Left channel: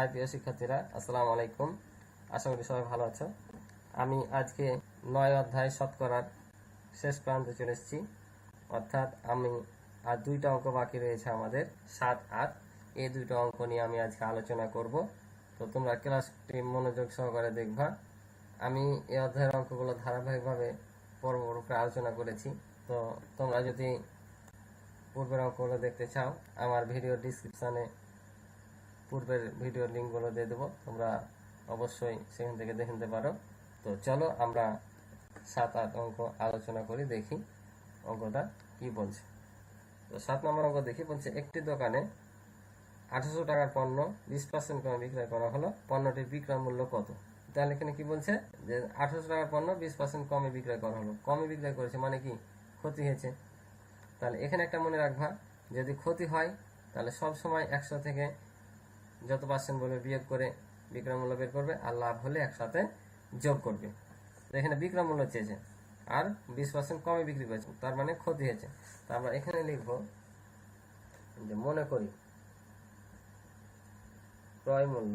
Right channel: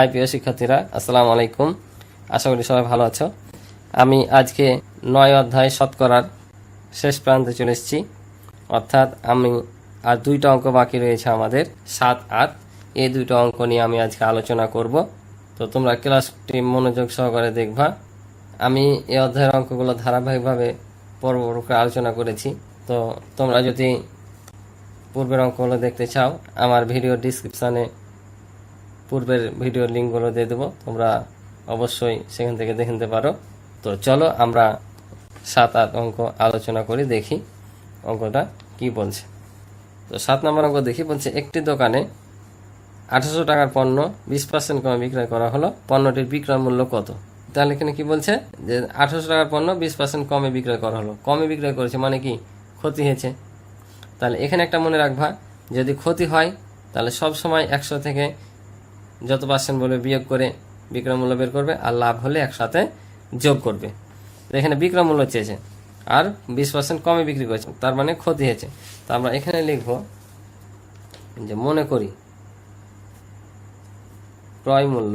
High প্রিয় শিক্ষার্থীরা, আসসালামু আলাইকুম। আশা করি সবাই ভালো আছো। আমি আজকে নয় অধ্যায় শতকরার শেষ প্রান্তে চলে এসেছি। অর্থাৎ আমি আর দুইটা অঙ্ক বাকি রয়েছে আমাদের, সাত, আট। এই দুইটা অঙ্ক নিয়ে আমি আজকে আলোচনা করব। তো তোমরা ক্লাসটি মনোযোগ সহকারে দেখবা। আমি এই অধ্যায়ের অঙ্কগুলো ধারাবাহিকভাবে পর্ব করে আলোচনা করেছি। তো তোমরা যদি পূর্বের অঙ্কগুলো দেখতে চাও, আমার ভিডিও ডিসক্রিপশানে পূর্বের ভিডিও লিঙ্কগুলো দিয়ে দেবো। তোমরা অবশ্যই সেখান থেকে দেখে নিতে পারো। তো চলো আমরা সাত, আট অঙ্ক আলোচনা করি, দেখি অঙ্কটা কি বলছে। তো সাত নম্বর অঙ্ক দেখি বলছে, একটি দোকানে আঠারোশো টাকার পণ্য বিশ পার্সেন্ট কমে বিক্রয় করা হলো। পণ্যটির বিক্রয় মূল্য কত? তাহলে এখানে কি বলছে? যে আঠারোশো টাকার পণ্য বিশ পার্সেন্ট কমে বিক্রয় করা হলো। কমে বিক্রয় করেছে মানে কি? ক্ষতি হয়েছে। তাহলে এখানে একটা মনে রাখবা, যদি ক্ষতি হয়, তাহলে সব সময় একশো থেকে যত পার্সেন্ট বলবে বিয়োগ করে বিক্রয় মূল্য বের করবে আর লাভ হলে একসাথে যোগ করবে। এখানে বিক্রয় মূল্য চেয়েছে আর বিশ পার্সেন্ট কমে বিক্রি করেছে, তার মানে ক্ষতি হয়েছে। তো আমরা এখানে লিখব যে মনে করি ক্রয় মূল্য,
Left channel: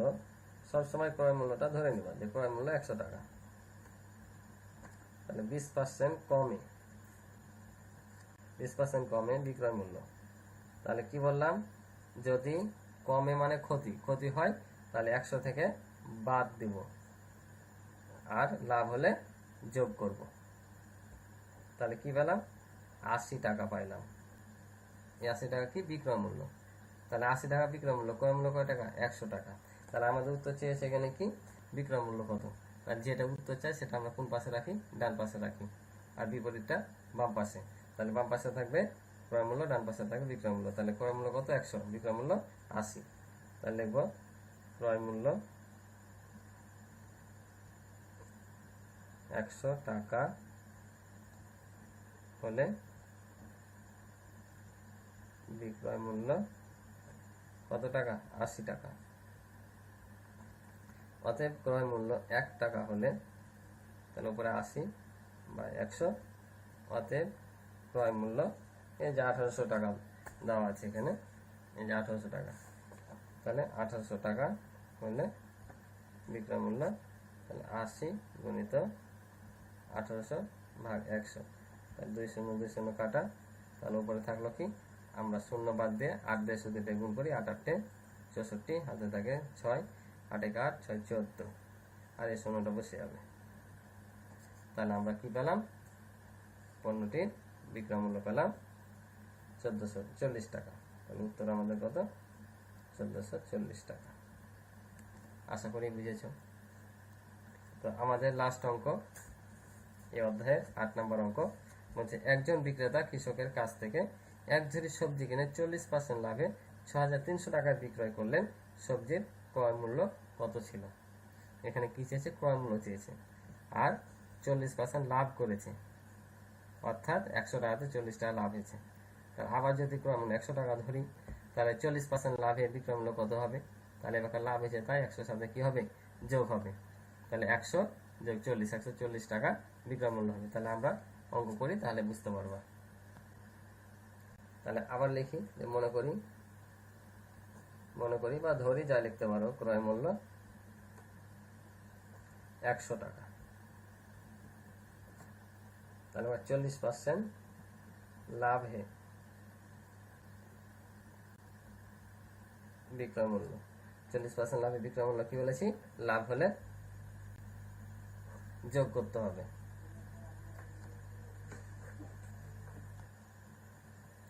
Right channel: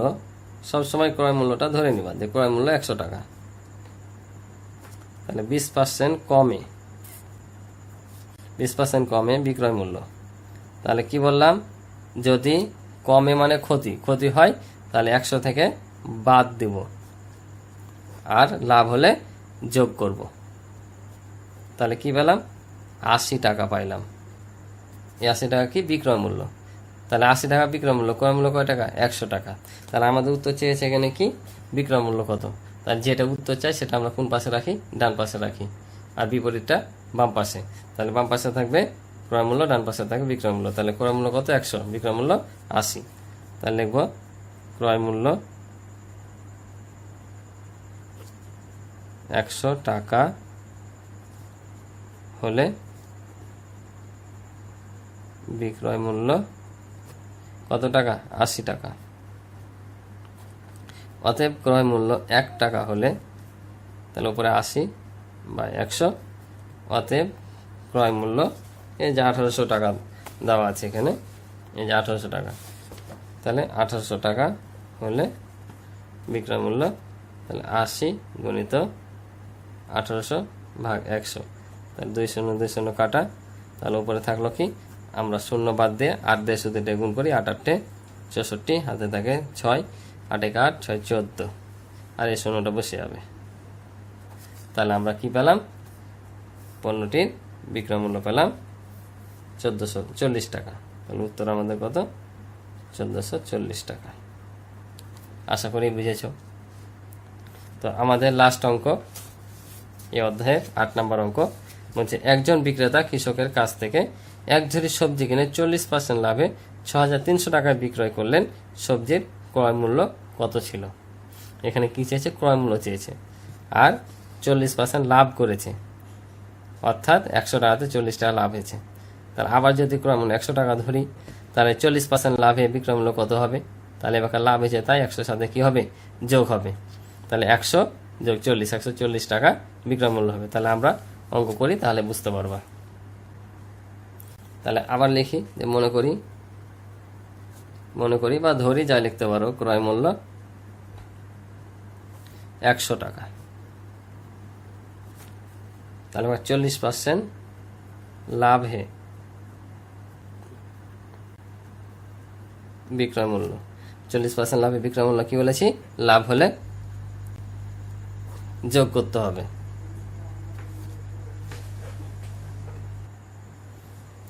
সবসময় ক্রয় মূল্যটা ধরে নিবা যে ক্রয় মূল্য একশো টাকা। তাহলে বিশ পার্সেন্ট কমে, বিশ পার্সেন্ট কমে বিক্রয় মূল্য। তাহলে কি বললাম? যদি কমে মানে ক্ষতি। ক্ষতি হয়, তাহলে একশো থেকে বাদ দেব। আর লাভ হলে যোগ করব। তাহলে কি পেলাম? আশি টাকা পাইলাম। এই আশি টাকা কি? বিক্রয় মূল্য। তাহলে আশি টাকা বিক্রয় মূল্য। ক্রয় মূল্য কয় টাকা? একশো টাকা। তাহলে আমাদের উত্তর চেয়েছে এখানে কি? বিক্রয় মূল্য কত? তাহলে যেটা উত্তর চাই সেটা আমরা কোন পাশে রাখি? ডান পাশে রাখি। আর বিপরীতটা বাম পাশে। তাহলে বাম পাশে থাকবে ক্রয় মূল্য ডান পাশে থাকবে বিক্রয় মূল্য তাহলে ক্রয় মূল্য কত? একশো। বিক্রয় মূল্য আশি। তাহলে লিখব ক্রয় মূল্য একশো টাকা হলে বিক্রয় মূল্য কত টাকা? আশি টাকা। অতএব ক্রয় মূল্য এক টাকা হলে, তাহলে উপরে আশি বা একশো। অতএব ক্রয় মূল্য এই যে আঠারোশো টাকা দেওয়া আছে এখানে, এই যে আঠারোশো টাকা। তাহলে আঠারোশো টাকা হলে বিক্রয় মূল্য তাহলে আশি গুণিত আঠারোশো ভাগ একশো। তাহলে দুই শূন্য দুই শূন্য কাটা, তাহলে উপরে থাকল কি? আমরা শূন্য বাদ দিয়ে আট দিয়ে শুধু দিয়ে গুণ করি, আট আটটে চৌষট্টি, হাতে থাকে ছয়, আট এক আট, ছয় চোদ্দ। আর এই শূন্যটা বসে যাবে। তাহলে আমরা কি পেলাম? পণ্যটির বিক্রয় মূল্য পেলাম চোদ্দোশো চল্লিশ টাকা। তাহলে উত্তর আমাদের কত? চোদ্দোশো চল্লিশ টাকা। আশা করি বুঝেছ? তো আমাদের লাস্ট অঙ্ক, এই অধ্যায়ের আট নম্বর অঙ্ক বলছে, একজন বিক্রেতা কৃষকের কাছ থেকে এক ঝুড়ি সবজি কিনে চল্লিশ পার্সেন্ট লাভে ছ হাজার তিনশো টাকায় বিক্রয় করলেন। সবজির ক্রয় মূল্য কত ছিল? এখানে কি চেয়েছে? ক্রয় মূল্য চেয়েছে। আর চল্লিশ পার্সেন্ট লাভ করেছে। অর্থাৎ একশো টাকাতে চল্লিশ টাকা লাভ হয়েছে। তাহলে আবার যদি ক্রয় মূল্য একশো টাকা ধরি, তাহলে চল্লিশ পার্সেন্ট লাভে বিক্রয় মূল্য কত হবে? তাহলে এবার লাভ হয়েছে তাই একশোর সাথে কি হবে? যোগ হবে। তাহলে একশো যোগ চল্লিশ, একশো চল্লিশ টাকা বিক্রয় মূল্য হবে। তাহলে আমরা অঙ্ক করি, তাহলে বুঝতে পারবা। তাহলে আবার লিখি, যে মনে করি মনে করি বা ধরি, যা লিখতে পারো, ক্রয় মূল্য একশো টাকা। তাহলে চল্লিশ পার্সেন্ট লাভ হে বিক্রয় মূল্য চল্লিশ পার্সেন্ট লাভে বিক্রয় মূল্য কি বলেছি? লাভ হলে যোগ করতে হবে।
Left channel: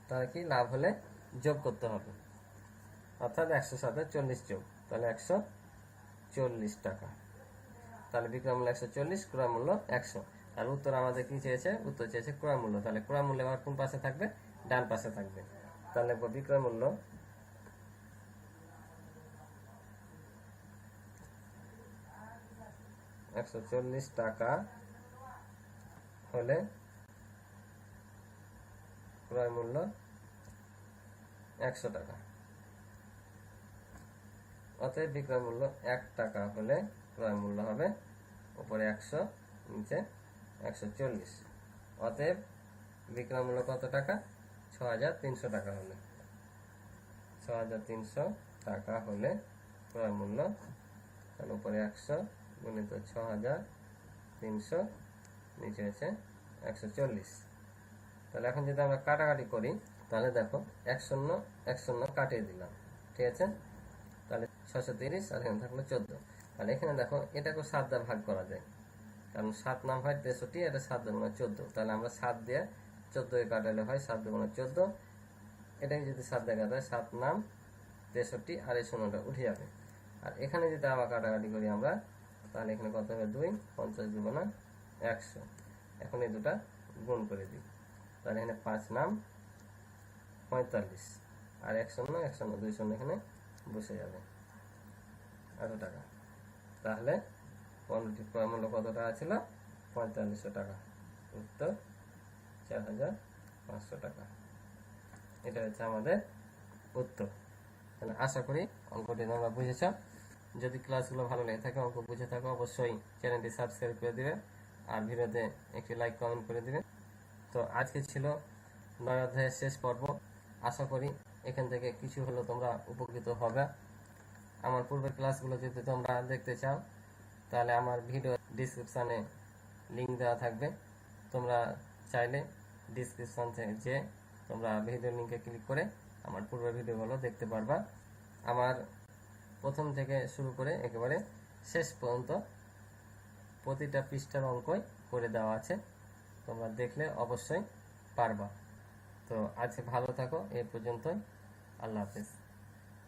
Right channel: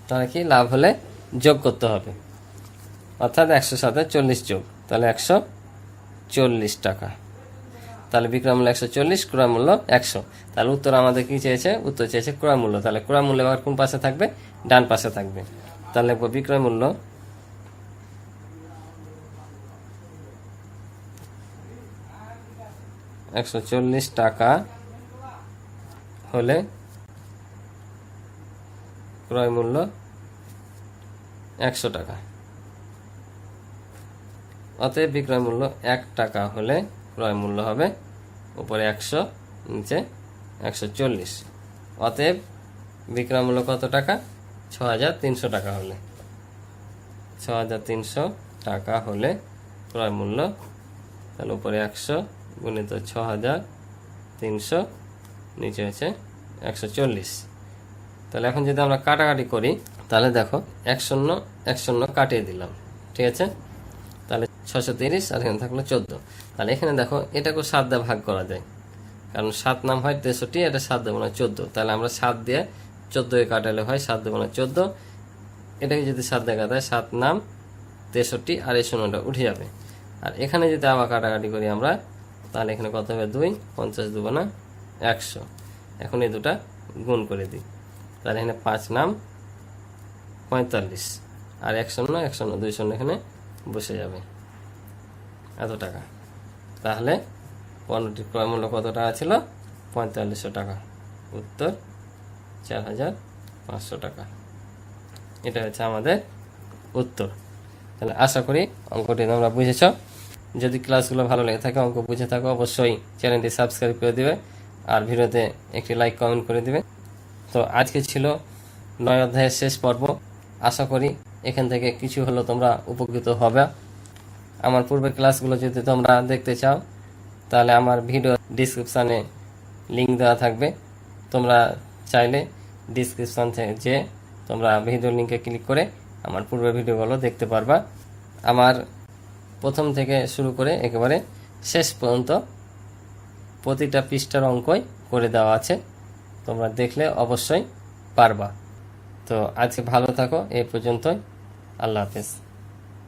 তাহলে কি? লাভ হলে যোগ করতে হবে। অর্থাৎ একশো সাথে চল্লিশ যোগ। তাহলে একশো চল্লিশ টাকা। তাহলে বিক্রয় মূল্য একশো চল্লিশ ক্রয় মূল্য একশো। তাহলে উত্তর আমাদের কি চেয়েছে? উত্তর চেয়েছে ক্রয় মূল্য তাহলে ক্রয় মূল্য এবার কোন পাশে থাকবে? ডান পাশে থাকবে। তাহলে বিক্রয় মূল্য একশো চল্লিশ টাকা হলে ক্রয় মূল্য একশো টাকা। অতএব বিক্রয় মূল্য এক টাকা হলে ক্রয় মূল্য হবে উপরে একশো, নিচে একশো চল্লিশ। অতএব বিক্রয় মূল্য কত টাকা? ছ হাজার তিনশো টাকা হলে। ছ হাজার তিনশো টাকা হলে ক্রয় মূল্য তাহলে উপরে একশো গুণিত ছ হাজার তিনশো, নিচে হচ্ছে একশো চল্লিশ। তাহলে এখন যদি আমরা কাটাকাটি করি, তাহলে দেখো এক শূন্য এক শূন্য কাটিয়ে দিলাম, ঠিক আছে? তাহলে ছশো তিরিশ আর এখানে থাকল চোদ্দ। তাহলে এখানে দেখো এটাকেও সাত দিয়ে ভাগ করা যায়, কারণ সাত নাম হয় তেষট্টি, এটা সাত দেবো না চোদ্দ। তাহলে আমরা সাত দিয়ে চোদ্দোকে কাটালে হয় সাত দেবো না চোদ্দ। এটাকে যদি সাত দিয়ে কাটায়, সাত নাম তেষট্টি আর এই শূন্যটা উঠে যাবে। আর এখানে যদি আবার কাটাকাটি করি আমরা তাহলে এখানে কত হবে? দুই, পঞ্চাশ দুবো না একশো। এখন এই দুটা গুণ করে দিই। তাহলে এখানে পাঁচ নাম পঁয়তাল্লিশ। আর এক শূন্য এক শূন্য, দুই শূন্য এখানে বসে যাবে। এত টাকা। তাহলে পণ্যটি ক্রয় মূল্য কত টাকা ছিল? পঁয়তাল্লিশশো টাকা। উত্তর, চার হাজার পাঁচশো টাকা। এটা হচ্ছে আমাদের উত্তর। তাহলে আশা করি অঙ্কটি তোমরা বুঝেছ। যদি ক্লাসগুলো ভালো লেগে থাকে, অঙ্ক বুঝে থাকো, অবশ্যই চ্যানেলটি সাবস্ক্রাইব করে দিবে আর ভিডিওতে একটি লাইক কমেন্ট করে দিবে। তো আজকে ছিল নয় অধ্যায়ের শেষ পর্ব। আশা করি এখান থেকে কিছু হলো তোমরা উপকৃত হবে। আমার পূর্বের ক্লাসগুলো যদি তোমরা দেখতে চাও, তাহলে আমার ভিডিও ডিসক্রিপশানে লিঙ্ক দেওয়া থাকবে। তোমরা চাইলে ডিসক্রিপশান থেকে যে তোমরা ভিডিও লিঙ্কে ক্লিক করে আমার পূর্বের ভিডিওগুলো দেখতে পারবা। আমার প্রথম থেকে শুরু করে একেবারে শেষ পর্যন্ত প্রতিটা পৃষ্ঠার অঙ্কই করে দেওয়া আছে। তোমরা দেখলে অবশ্যই পারবা। তো আজকে ভালো থাকো, এ পর্যন্তই। আল্লাহ হাফেজ।